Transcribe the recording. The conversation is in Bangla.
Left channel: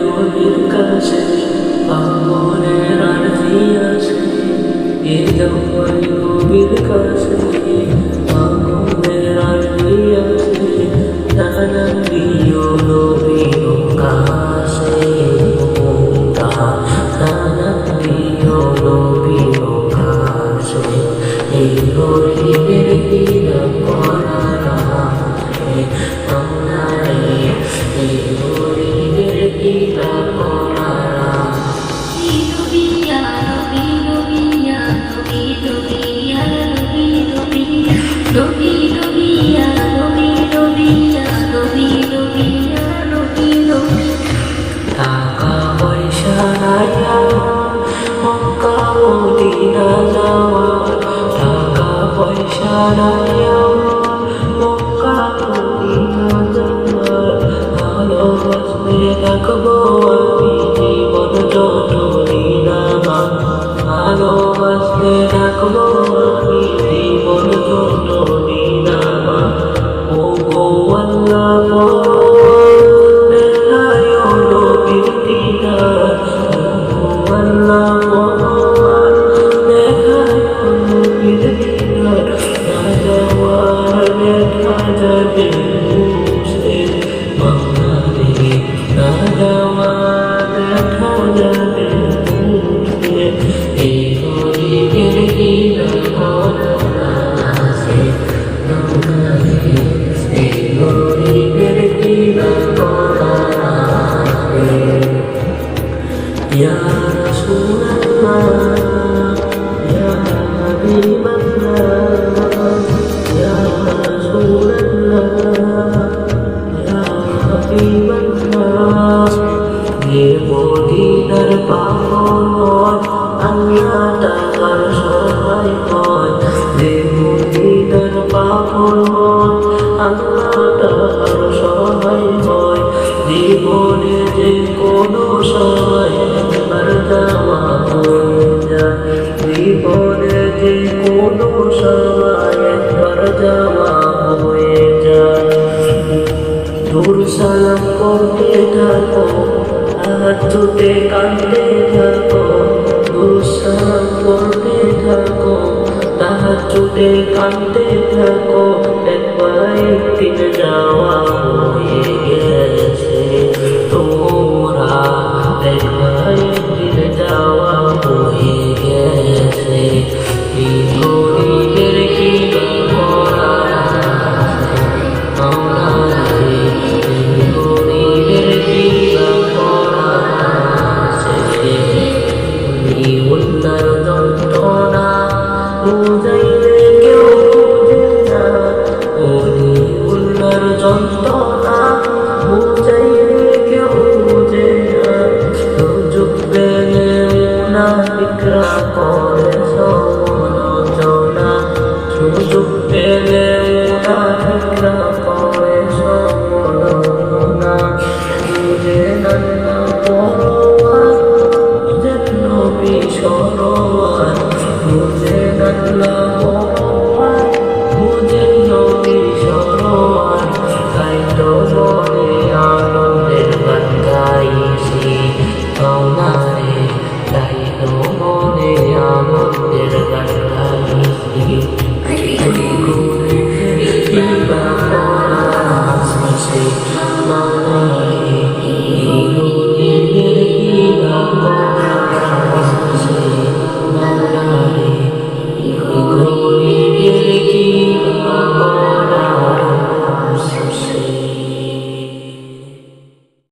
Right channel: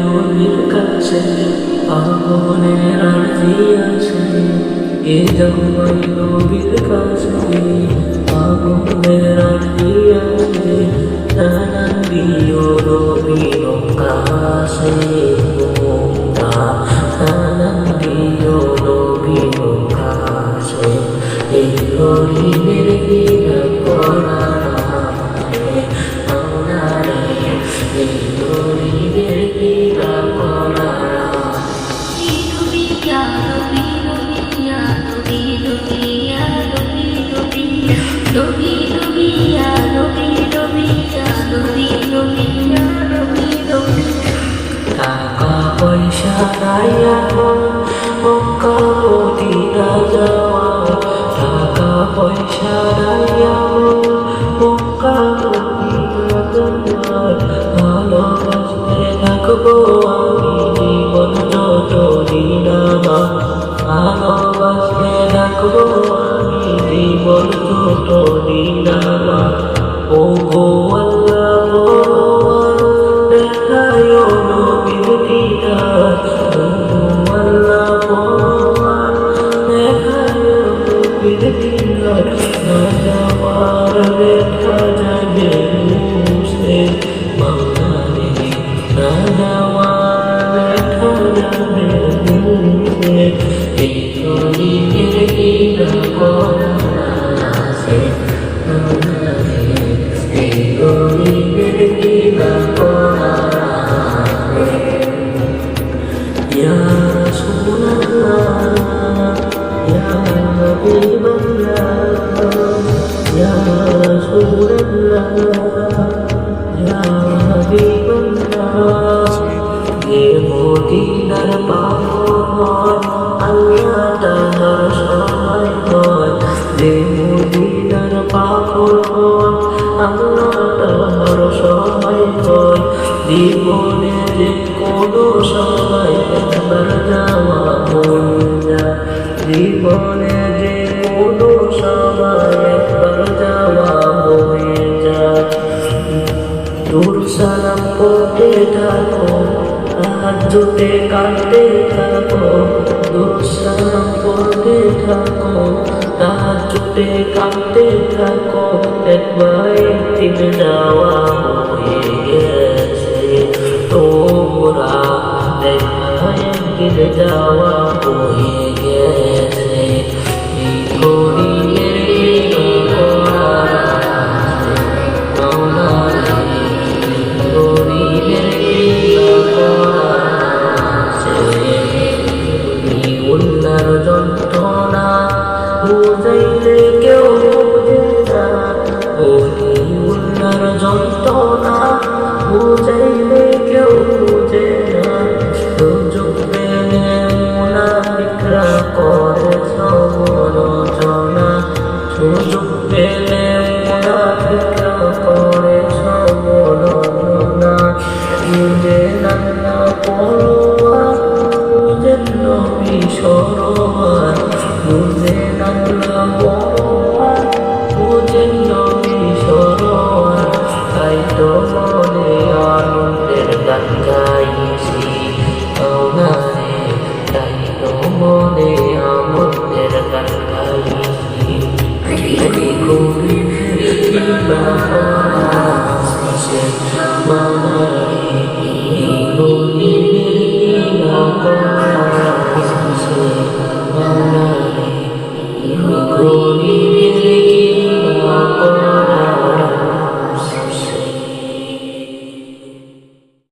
নবীর কাছে পাগলের আরজি আসে, এ যাওয়াই নবীর কাছে পাগলের আরজি আসে, সালাম দিও নবীর কাছে তোমরা, সালাম দিও নবীর কাছে। এই গরিবের কিবা করার আছে মাওলা রে, এই গরিবের কিবা করার আছে। নবী ইয়া নবী নবী ইয়া নবী নবী ইয়া নবী নবী নবী নবী ইয়া নবী নবী ইয়া নবী নবী ইয়া নবী নবী। টাকা পয়সা নাই আমার মক্কা মদিনা যাওয়ার, টাকা পয়সা নাই আমার মক্কা মদিনা যাওয়ার, ভালোবাসতে থাকবো আমি জীবন যতদিন আমার, ভালোবাসতে থাকবো আমি জীবন যতদিন আমার। ও গো আল্লাহ পরোয়ার দেখায় নবীর দিদার, ও গো আল্লাহ পরোয়ার দেখায় নবীর দিদার, না যাওয়ার ব্যথা যাবে মুছে মাওলা রে, না যাওয়ার ব্যথা যাবে মুছে। এই গরিবের কিবা করার আছে মাওলা রে, এই গরিবের কিবা করার আছে। ইয়া রাসূলুল্লাহ ইয়া হাবিবাল্লাহ, ইয়া রাসূলুল্লাহ ইয়া হাবিবাল্লাহ। যে মদিনার পাগল হয় আল্লাহ তাহার সহায় হয়, যে মদিনার পাগল হয় আল্লাহ তাহার সহায় হয়। জীবনে যে কোনো সময় একবার যাওয়া হয়ে যায়, জীবনে যে কোনো সময় একবার যাওয়া হয়ে যায়। দূর সালাম পড়তে থাকো তাহাজ্জুদে কাঁদতে থাকো, দূর সালাম পড়তে থাকো তাহাজ্জুদে কাঁদতে থাকো, দেখবা একদিন যাওয়া হয়ে গেছে তোমরা, দেখবা একদিন যাওয়া হয়ে গেছে। এই গরিবের কিবা করার আছে মাওলা রে, এই গরিবের কিবা করার আছে। উল্লার যন্ত্রণা বুঝাইলে কেউ বুঝে না, ওলি উল্লার যন্ত্রণা বুঝাইলে কেউ বুঝে না, সুযোগ পেলে মুনাফিকরা করে সমালোচনা, সুযোগ পেলে মুনাফিকরা করে সমালোচনা। বুঝেন আল্লাহ পরোয়ার, বুঝেন নবী সরোয়ার, বুঝেন আল্লাহ পরোয়ার, বুঝেন নবী সরোয়ার। তাই তো মনে আনন্দের গান গাইছি মাওলা রে, তাই তো মনে আনন্দের গান গাইছি। এই গরিবের কিবা করার আছে মাওলা রে, এই গরিবের কিবা